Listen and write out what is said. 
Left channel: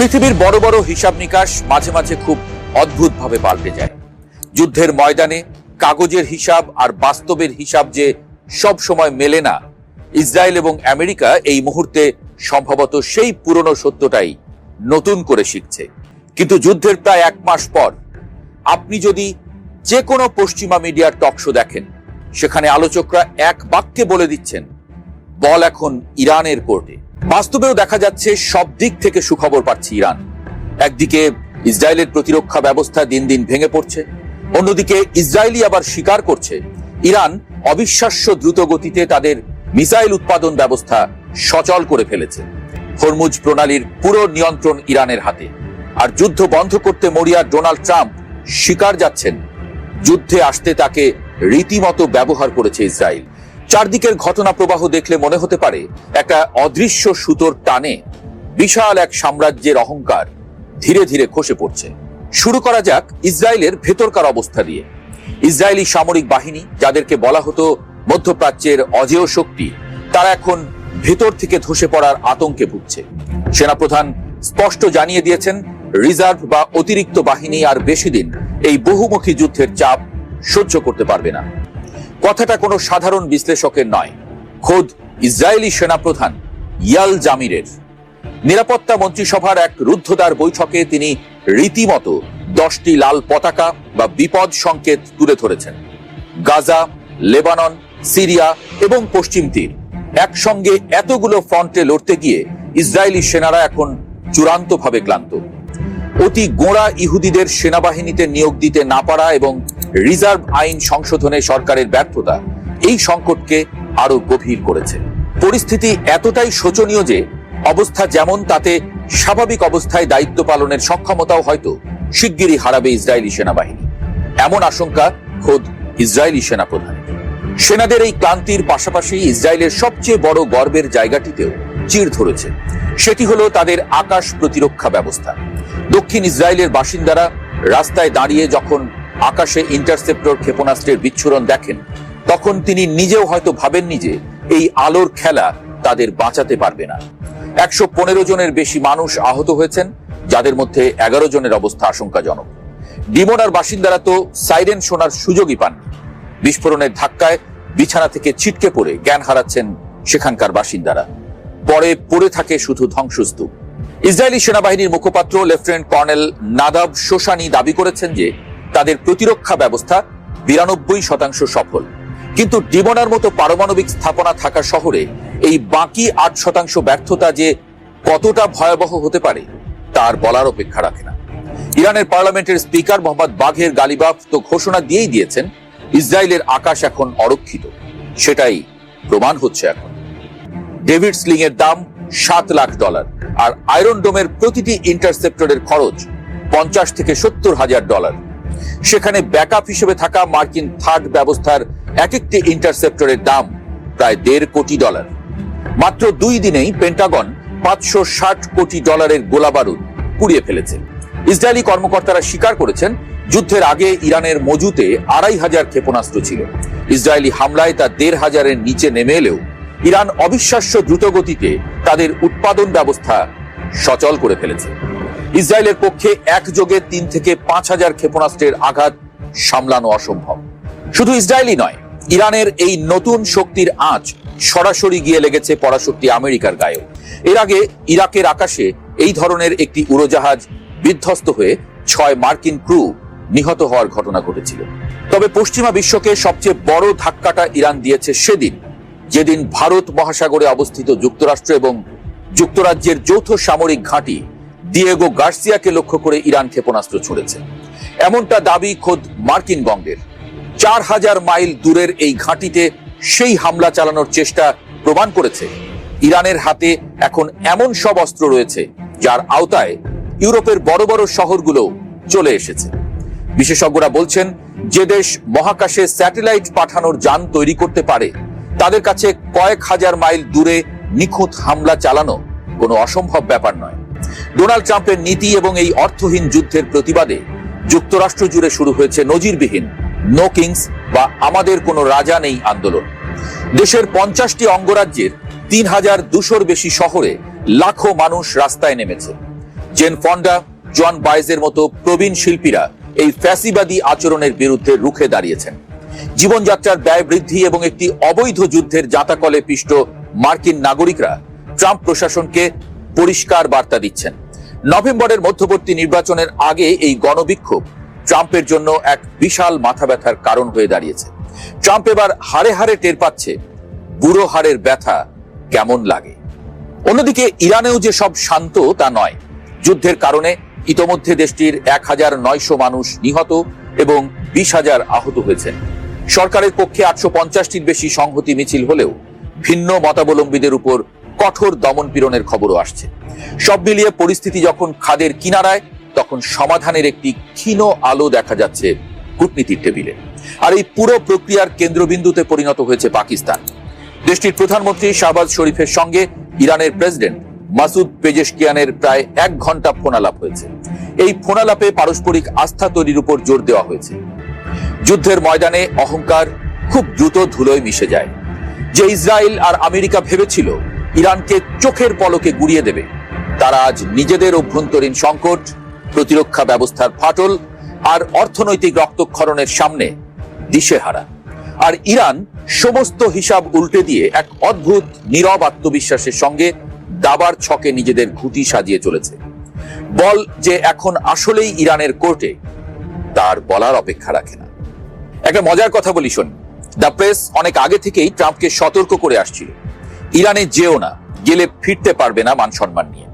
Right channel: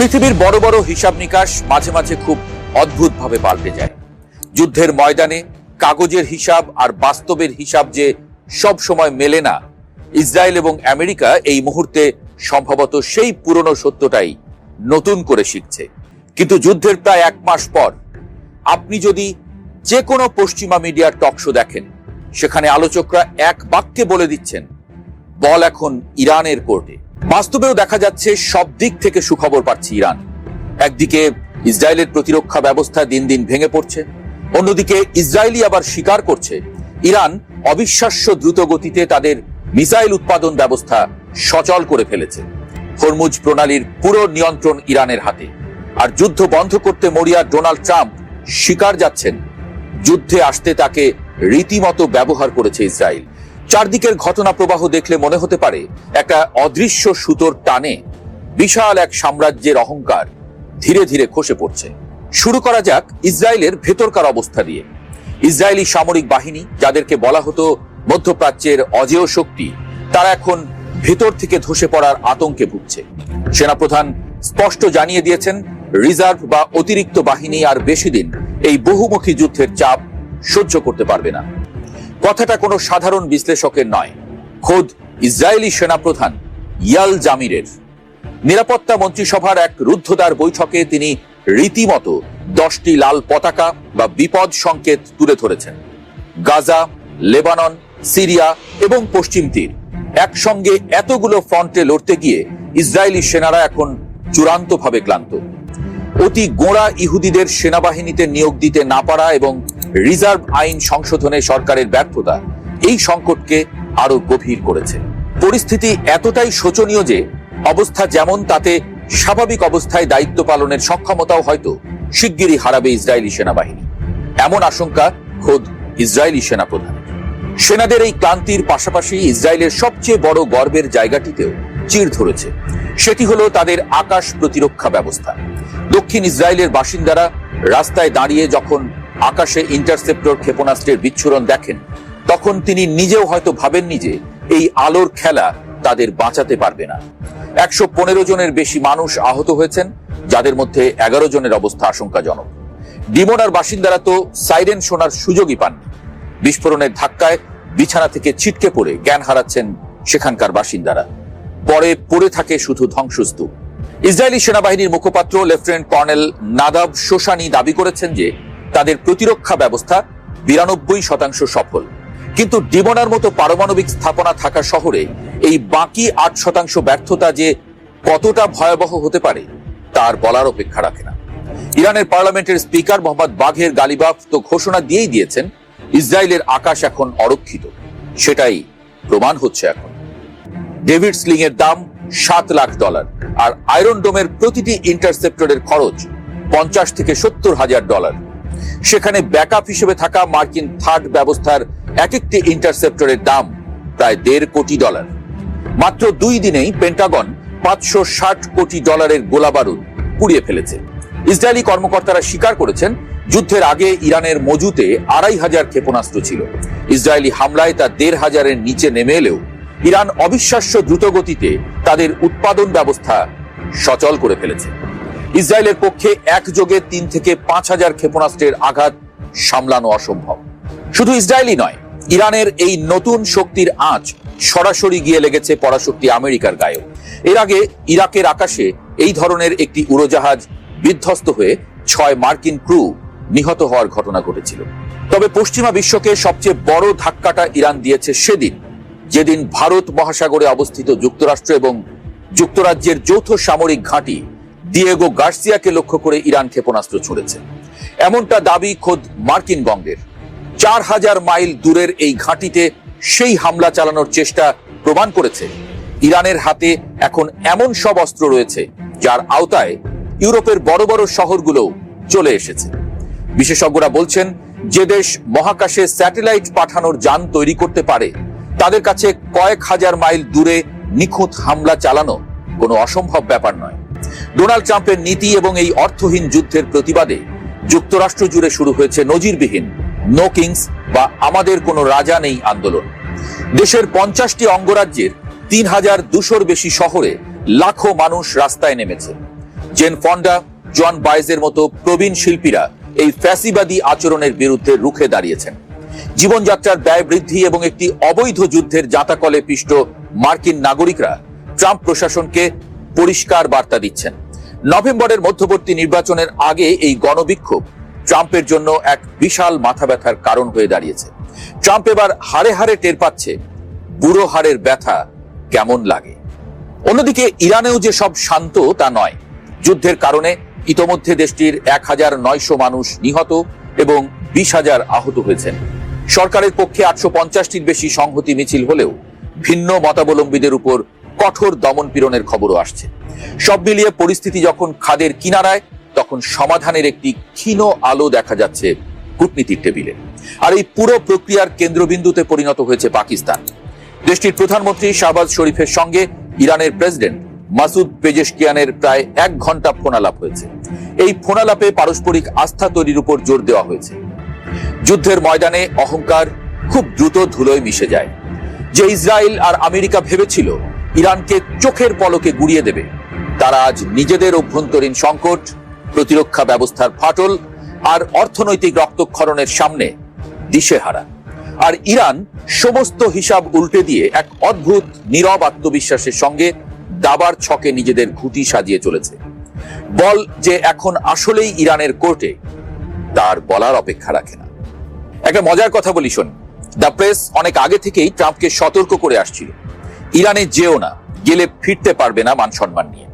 পৃথিবীর বড় বড় হিসাব নিকাশ মাঝে মাঝে খুব অদ্ভুতভাবে পাল্টে যায়। যুদ্ধের ময়দানে কাগজের হিসাব আর বাস্তবের হিসাব যে সব সময় মেলে না, ইসরায়েল এবং আমেরিকা এই মুহূর্তে সম্ভবত সেই পুরনো সত্যটাই নতুন করে শিখছে। কিন্তু যুদ্ধের প্রায় 1 মাস পর আপনি যদি যে কোনো পশ্চিমা মিডিয়ার টকশো দেখেন, সেখানে আলোচকরা এক বাক্যে বলে দিচ্ছেন, বল এখন ইরানের কোর্টে। বাস্তবেও দেখা যাচ্ছে সব দিক থেকে সুখবর পাচ্ছে ইরান। একদিকে ইসরায়েলের প্রতিরক্ষা ব্যবস্থা দিন দিন ভেঙে পড়ছে, অন্যদিকে ইসরায়েলি আবার স্বীকার করছে ইরান অবিশ্বাস্য দ্রুত গতিতে তাদের মিসাইল উৎপাদন ব্যবস্থা সচল করে ফেলেছে। হরমুজ প্রণালীর পুরো নিয়ন্ত্রণ ইরানের হাতে। আর যুদ্ধ বন্ধ করতে মরিয়া ডোনাল্ড ট্রাম্প স্বীকার যাচ্ছেন যুদ্ধে আসতে তাকে রীতিমতো ব্যবহার করেছে ইসরায়েল। চারদিকের ঘটনা প্রবাহ দেখলে মনে হতে পারে একটা অদৃশ্য সুতোর টানে বিশাল এক সাম্রাজ্যের অহংকার ধীরে ধীরে খসে পড়ছে। শুরু করা যাক ইসরায়েলের ভেতরকার অবস্থা দিয়ে। ইসরায়েলি সামরিক বাহিনী, যাদেরকে বলা হতো মধ্যপ্রাচ্যের অজেয় শক্তি, তারা এখন ভেতর থেকে ধসে পড়ার আতঙ্কে ভুগছে। সেনাপ্রধান স্পষ্ট জানিয়ে দিয়েছেন, রিজার্ভ বা অতিরিক্ত বাহিনী আর বেশি দিন এই বহুমুখী যুদ্ধের চাপ সহ্য করতে পারবে না। কথাটা কোনো সাধারণ বিশ্লেষকের নয়, খোদ ইসরায়েলি সেনাপ্রধান ইয়াল জামিরের। নিরাপত্তা মন্ত্রিসভার এক রুদ্ধদ্বার বৈঠকে তিনি রীতিমতো 10টি লাল পতাকা বা বিপদ সংকেত তুলে ধরেছেন। গাজা, লেবানন, সিরিয়া এবং পশ্চিম তীর একসঙ্গে এতগুলো ফ্রন্টে লড়তে গিয়ে ইসরায়েলি সেনারা এখন চূড়ান্তভাবে ক্লান্ত। অতি গোঁড়া ইহুদিদের সেনাবাহিনীতে নিয়োগ দিতে না পারা এবং রিজার্ভ আইন সংশোধনে সরকারের ব্যর্থতা এই সংকটকে আরো গভীর করেছে। পরিস্থিতি এতটাই শোচনীয় যে অবস্থা যেমন, তাতে স্বাভাবিক অবস্থায় দায়িত্ব পালনের সক্ষমতাও হয়তো শিগগিরই হারাবে ইসরায়েলি সেনাবাহিনী, এমন আশঙ্কা খোদ ইসরায়েলি সেনাপ্রধান। সেনাদের এই ক্লান্তির পাশাপাশি ইসরায়েলের সবচেয়ে বড় গর্বের জায়গাটিতে চিড় ধরেছে। সেটি হলো তাদের আকাশ প্রতিরক্ষা ব্যবস্থা। দক্ষিণ ইসরায়েলের বাসিন্দারা রাস্তায় দাঁড়িয়ে যখন আকাশে ইন্টারসেপ্টর ক্ষেপণাস্ত্রের বিচ্ছুরণ দেখেন, তখন তিনি নিজেও হয়তো ভাবেননি যে এই আলোর খেলা তাদের বাঁচাতে পারবে না। 115 জনের বেশি মানুষ আহত হয়েছেন, যাদের মধ্যে 11 জনের অবস্থা আশঙ্কাজনক। ডিমোনার বাসিন্দারা তো সাইরেন শোনার সুযোগই পান। বিস্ফোরণের ধাক্কায় বিছানা থেকে ছিটকে পড়ে জ্ঞান হারাচ্ছেন সেখানকার বাসিন্দারা। পরে পড়ে থাকে শুধু ধ্বংসস্তূপ। ইসরায়েলি সেনাবাহিনীর মুখপাত্র লেফটেন্যান্ট কর্নেল নাদাব শোশানি দাবি করেছেন যে তাদের প্রতিরক্ষা ব্যবস্থা 92% সফল। কিন্তু ডিমোনার মতো পারমাণবিক স্থাপনা থাকা শহরে এই বাকি 8% ব্যর্থতা যে কতটা ভয়াবহ হতে পারে তার বলার অপেক্ষা রাখে না। ইরানের পার্লামেন্টের স্পিকার মোহাম্মদ বাঘের গালিবাফ তো ঘোষণা দিয়েই দিয়েছেন, ইসরায়েলের আকাশ এখন অরক্ষিত। সেটাই প্রমাণ হচ্ছে এখন। ডেভিড স্লিং এর দাম $7 লাখ, আর আয়রন ডোমের প্রতিটি ইন্টারসেপ্টরের খরচ $50,000 থেকে $70,000। সেখানে ব্যাকআপ হিসেবে থাকা মার্কিন থার্ড ব্যবস্থার এক একটি ইন্টারসেপ্টরের দাম প্রায় $1.5 কোটি। মাত্র 2 দিনেই পেন্টাগন $560 কোটি গোলা বারুদ পুড়িয়ে ফেলেছে। ইসরায়েলি কর্মকর্তারা স্বীকার করেছেন, যুদ্ধের আগে ইরানের মজুতে 2,500 ক্ষেপণাস্ত্র ছিল। ইসরায়েলি হামলায় তা 1,500-এর নিচে নেমে এলেও ইরান অবিশ্বাস্য দ্রুতগতিতে তাদের উৎপাদন ব্যবস্থা সচল করে ফেলেছে। ইসরায়েলের পক্ষে একযোগে 3 থেকে 5,000 ক্ষেপণাস্ত্রের আঘাত সামলানো অসম্ভব। শুধু ইসরায়েলি নয়, ইরানের এই নতুন শক্তির আঁচ সরাসরি গিয়ে লেগেছে পরাশক্তি আমেরিকার গায়ে। এর আগে ইরাকের আকাশে এই ধরনের একটি উড়োজাহাজ বিধ্বস্ত হয়ে 6 মার্কিন ক্রু নিহত হওয়ার ঘটনা ঘটেছিল। তবে পশ্চিমা বিশ্বকে সবচেয়ে বড় ধাক্কাটা ইরান দিয়েছে সেদিন, যেদিন ভারত মহাসাগরে অবস্থিত যুক্তরাষ্ট্র এবং যুক্তরাজ্যের যৌথ সামরিক ঘাঁটি ডিয়েগো গার্সিয়াকে লক্ষ্য করে ইরান ক্ষেপণাস্ত্র ছুড়েছে। এমনটা দাবি খোদ মার্কিন বঙ্গের। 4,000 মাইল দূরের এই ঘাঁটিতে সেই হামলা চালানোর চেষ্টা প্রমাণ করেছে ইরানের হাতে এখন এমন সব অস্ত্র রয়েছে যার আওতায় ইউরোপের বড় বড় শহরগুলো চলে এসেছে। বিশেষজ্ঞরা বলছেন, যে দেশ মহাকাশে স্যাটেলাইট পাঠানোর যান তৈরি করতে পারে, তাদের কাছে কয়েক হাজার মাইল দূরে নিখুঁত হামলা চালানো কোনো অসম্ভব ব্যাপার নয়। ডোনাল্ড ট্রাম্পের নীতি এবং এই অর্থহীন যুদ্ধের প্রতিবাদে যুক্তরাষ্ট্র জুড়ে শুরু হয়েছে নজিরবিহীন নো কিংস বা আমাদের কোনো রাজা নেই আন্দোলন। দেশের 50টি অঙ্গরাজ্যের 3,200-র বেশি শহরে লাখো মানুষ রাস্তায় নেমেছে। জেন ফন্ডা, জন বাইজের মতো প্রবীণ শিল্পীরা এই ফ্যাসিবাদী আচরণের বিরুদ্ধে রুখে দাঁড়িয়েছেন। জীবনযাত্রার ব্যয় বৃদ্ধি এবং একটি অবৈধ যুদ্ধের জাঁতাকলে পিষ্ট মার্কিন নাগরিকরা ট্রাম্প প্রশাসনকে পরিষ্কার বার্তা দিচ্ছেন। নভেম্বরের মধ্যবর্তী নির্বাচনের আগে এই গণবিক্ষোভ ট্রাম্পের জন্য এক বিশাল মাথা ব্যথার কারণ হয়ে দাঁড়িয়েছে। ট্রাম্প এবার হাড়ে হাড়ে টের পাচ্ছে বুড়ো হাড়ের ব্যথা কেমন লাগে। অন্যদিকে ইরানেও যে সব শান্ত তা নয়। যুদ্ধের কারণে ইতোমধ্যে দেশটির 1900 মানুষ নিহত এবং 20,000 আহত হয়েছেন। সরকারের পক্ষে 850টির বেশি সংহতি মিছিল হলেও ভিন্ন মতাবলম্বীদের উপর কঠোর দমন পীড়নের খবরও আসছে। সব মিলিয়ে পরিস্থিতি যখন খাদের কিনারায়, তখন সমাধানের একটি ক্ষীণ আলো দেখা যাচ্ছে কূটনীতির টেবিলে। আর এই পুরো প্রক্রিয়ার কেন্দ্রবিন্দুতে পরিণত হয়েছে পাকিস্তান। দেশটির প্রধানমন্ত্রী শাহবাজ শরীফের সঙ্গে ইরানের প্রেসিডেন্ট মাসুদ পেজেশকিয়ানের প্রায় 1 ঘন্টা ফোনালাপ হয়েছে। এই ফোনালাপে পারস্পরিক আস্থা তৈরির উপর জোর দেওয়া হয়েছে। যুদ্ধের ময়দানে অহংকার খুব দ্রুত ধুলোয় মিশে যায়। যে ইসরায়েল আর আমেরিকা ভেবেছিল ইরানকে চোখের পলকে গুড়িয়ে দেবে, তারা আজ নিজেদের অভ্যন্তরীণ সংকট, প্রতিরক্ষা ব্যবস্থার ফাটল আর অর্থনৈতিক রক্তক্ষরণের সামনে দিশেহারা। আর ইরান সমস্ত হিসাব উল্টে দিয়ে এক অদ্ভুত নীরব আত্মবিশ্বাসের সঙ্গে দাবার ছকে নিজেদের ঘুঁটি সাজিয়ে চলেছে। বল যে এখন আসলেই ইরানের কোর্টে, তার বলার অপেক্ষা রাখে না। একটা মজার কথা বলি শোন। দ্য প্রেস অনেক আগে থেকেই ট্রাম্পকে সতর্ক করে আসছিল, ইরানে যেও না, গেলে ফিরতে পারবে না মান সম্মান নিয়ে।